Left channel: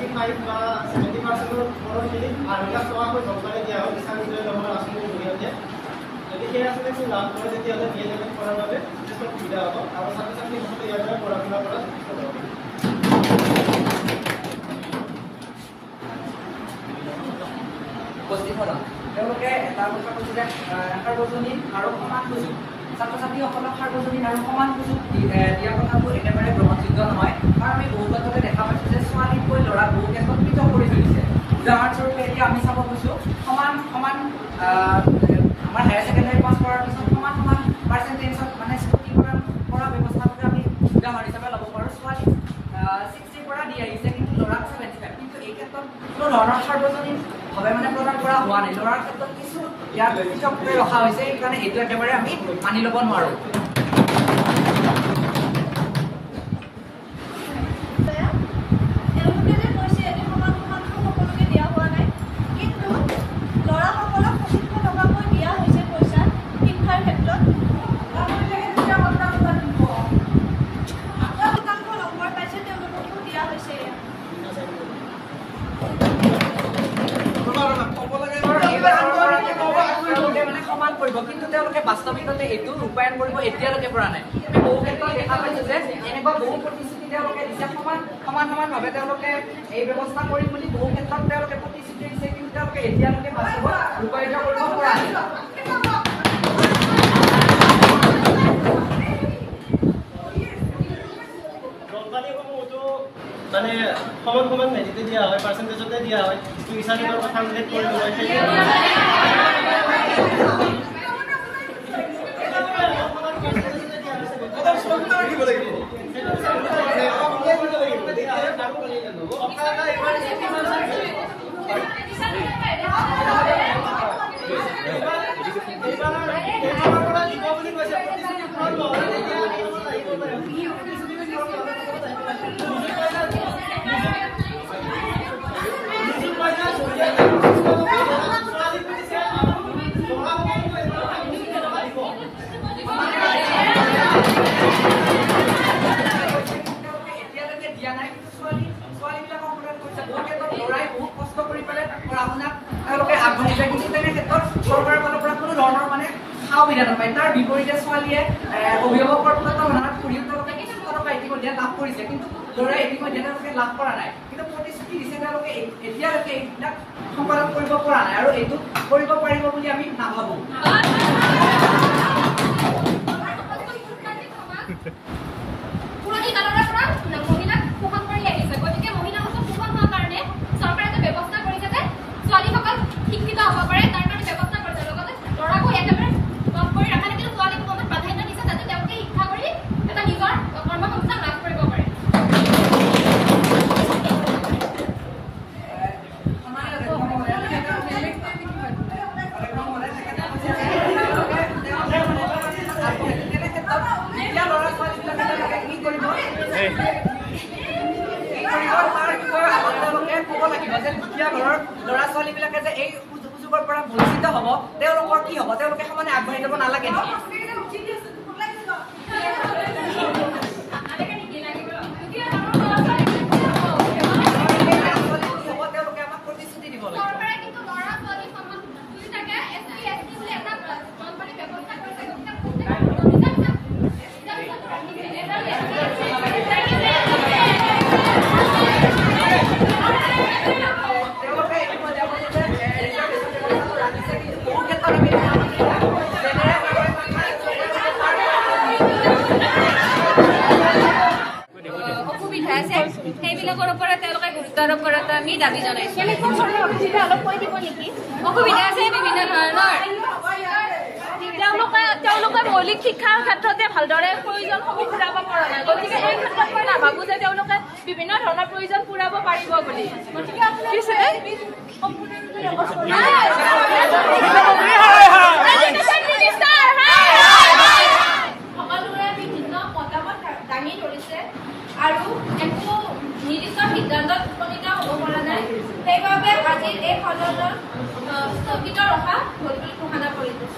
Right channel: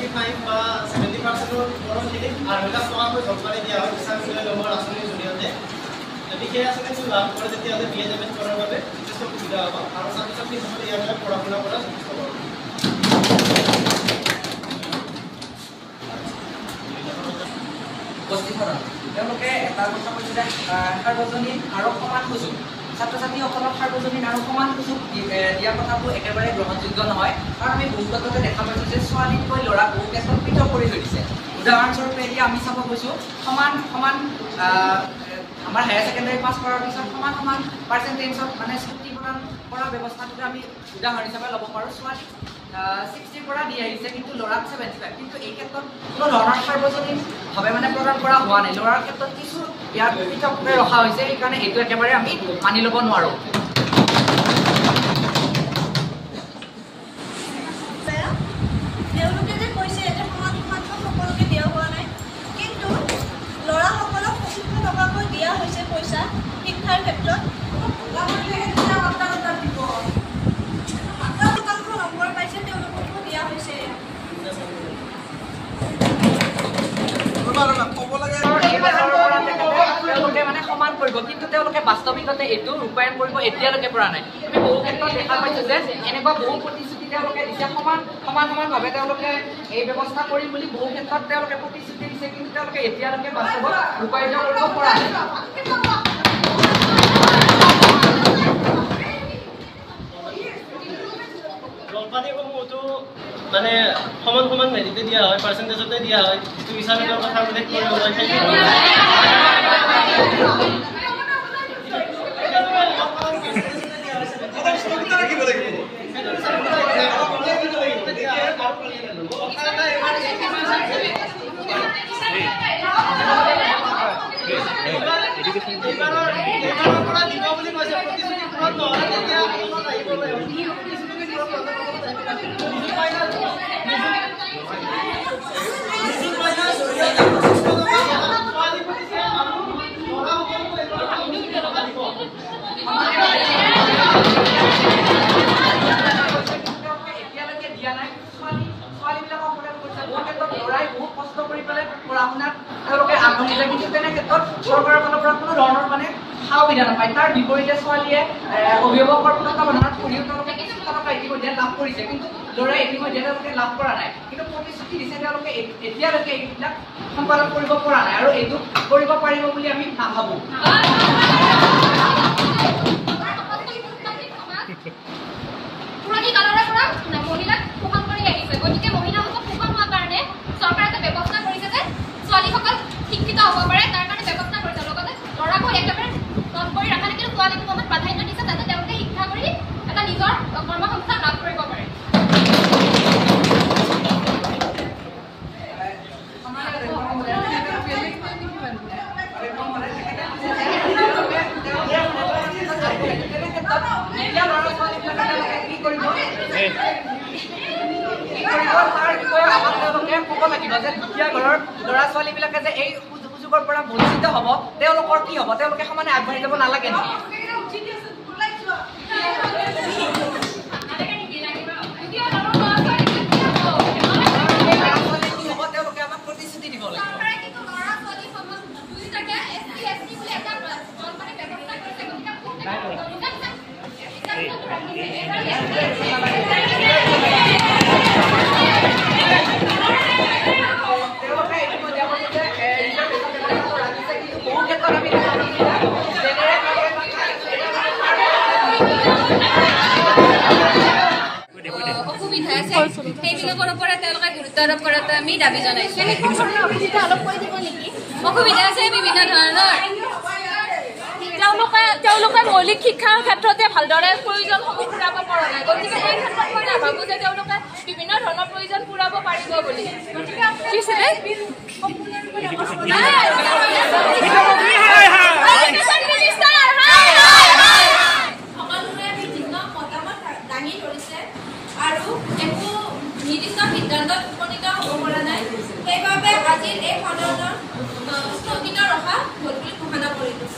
75 বা 70% পৰখিনিক 8 লাখ টকাকৈ জলপানি দিয়া হয় কিষাণ বিজয় লহৰ আঁচনিৰ জৰিয়তে। যদি সেই আঁচনিটো লাভ কৰে তেতিয়াহ'লে বিএ পে'মেণ্ট কৰাৰ বাবে যথেষ্ট সুবিধা হ'ব আৰু ছাত্ৰ ছাত্ৰীসকলে ইয়াৰ বাবে পঢ়া শুনা কৰা যথেষ্ট হ'ব। তেওঁলোকে এটা কথা কৈছে যে সাৰ্বজনীন আৰু সমান সুযোগ ছাত্ৰ ছাত্ৰীসকলক সাৰ্বজনীন আৰু সমান সুযোগ দিয়া কথাটো একেবাৰে গ্ৰহণযোগ্য নহয়। কাৰণ আমি বহু ক্ষেত্ৰতে দেখা পাইছোঁ যে ছোৱালীতকৈ ল'ৰাক বহু ক্ষেত্ৰত পৃথক কৰি থৈ দিছে। উদাহৰণস্বৰূপে এতিয়া আমি চাব গৈছোঁ সমান আমাৰ হায়াৰ ছেকেণ্ডাৰী পাছ কৰাৰ পিছত সমান পাৰ্চেণ্টেজত মানে স্কুটি প্ৰদান কৰা ব্যৱস্থাটোতে আমি উদাহৰণ হিচাপে ল'ব পাৰোঁ। ছোৱালীক 60 পৰা দি আহিছে কিন্তু ল'ৰাক 75, কিন্তু এই ক্ষেত্ৰত কোনো ধৰণৰ সাৰ্বজনীনভাৱে মানে প্ৰদান কৰা হোৱা নাই। ল'ৰাৰ ক্ষেত্ৰত কিছু ইয়াত পৃথককৈ ৰখা হৈছে, সেইকাৰণে এইটো একেবাৰে আমি মানি ল'ব নোৱাৰোঁ। তেওঁলোকে যে কৈছে যে সমান সকলোকে দিয়া হোৱা নাই, কিন্তু ল'ৰাসকলক 25 টকাকৈ দিয়া হৈছে পইচা শিক্ষাৰ ক্ষেত্ৰত। নম্বৰ পাইছে তেওঁলোককো দিয়া হৈছে। তেওঁলোকে মানে সমান কৰিব, কিন্তু তেওঁলোকে বাস্তৱিকতে এইটো ৰূপায়ণ কৰিব এতিয়ালৈকে পৰা নাই। আমি বহু ক্ষেত্ৰত দেখা পাইছোঁ যে এনেকুৱা বহু প্ৰতিশ্ৰুতি তেওঁলোকে দিছে, সমানভাৱে তেওঁলোকে এই ব্যৱস্থা কৰিম বুলি বহু ক্ষেত্ৰত তেওঁলোকে প্ৰতিশ্ৰুতি দিছে, কিন্তু তেওঁলোকে এতিয়ালৈকে বাস্তৱত ৰূপায়িত কৰিব পৰা নাই। জলপানিসমূহতো মানে সমান হেৰিতে দিয়া হয়, পাৰ্চেণ্টেজতে দিয়া হয়। যিটো ইছামিকৰ কথা উল্লেখ কৰিব হয় তেওঁলোকে আগবাঢ়ি যায়, কিন্তু তেনে ক্ষেত্ৰত চৰকাৰৰ ফালৰ পৰা কোনো ধৰণৰ মানে সা সুবিধা নাপায়। তাৰ বিপৰীতে ছোৱালীয়ে অভিভাৱকৰ তত্ত্বাৱধানত পঢ়িও তেওঁলোকে কিছু টকা ইতিমধ্যে লাভ কৰিছে, কিন্তু ল'ৰাই ইতিমধ্যে তেওঁলোকে লাভ কৰা নাই। কিন্তু প্ৰতিশ্ৰুতি দিছে তেওঁলোকে এতিয়ালৈকে এইবিলাক সম্পাদন কৰিব পৰা নাই, আৰু এইটো কৰিব পাৰিব বুলি আমি নাভাবোঁ। পুৰণি কালৰে পৰা মহিলাক শোষণ কৰি আহিছে, গতিকে মহিলাসকলক শোষণ হোৱাৰ কাৰণে চৰকাৰে এটা ব্যৱস্থা কৰিছে যে ছোৱালীসকল শিক্ষিত হ'ব পাৰে, তাৰ কাৰণে ব্যৱস্থা কৰিছে। লগতে ল'ৰাকো একেবাৰে কম কৰি ৰখা নাই, কিন্তু ছোৱালীক অকণমান প্ৰাধান্য দিছে যাতে তেওঁলোকে শিক্ষা কৰি এটা নিজৰ কৰ্মসংস্থান লাভ কৰিব পাৰে। ক'ব লাগিব যে দুখীয়া ঘৰৰ ল'ৰা ছোৱালীবিলাকে যে এই সুযোগৰ পৰা বঞ্চিত হ'ব, তেওঁলোকৰ কি হ'ব? তেওঁলোকে সমানে আগবাঢ়ি যাব নালাগে নেকি? তেওঁলোকে আমাক প্ৰতিশ্ৰুতি দিব লাগিব। অসুবিধা আছে সেইবিলাকৰ ওপৰত তেওঁলোকে গুৰুত্ব আৰোপ কৰাটো আমি দাবী জনাইছোঁ। অসুবিধা আছে বিভিন্ন ধৰণৰ, তেওঁলোকে মৌলিক শিক্ষাৰ ক্ষেত্ৰতে ভালদৰে প্ৰয়োজনসমূহ পূৰাব পৰা নাই, গতিকে এই ক্ষেত্ৰত মই নাভাবোঁ যে তেওঁলোকে বিভিন্ন ধৰণৰ প্ৰয়োজন পূৰাব পাৰিব বুলি। সকলোৰে বিভিন্ন মতামত দাঙি ধৰিছে আৰু একো নিৰ্দিষ্ট সিদ্ধান্তত উপনীত হ'ব পৰা নাই। সেইবাবে আজিৰ এই সদনৰ স্থগিত ৰখা হ'ল বুলি ঘোষণা কৰিলোঁ।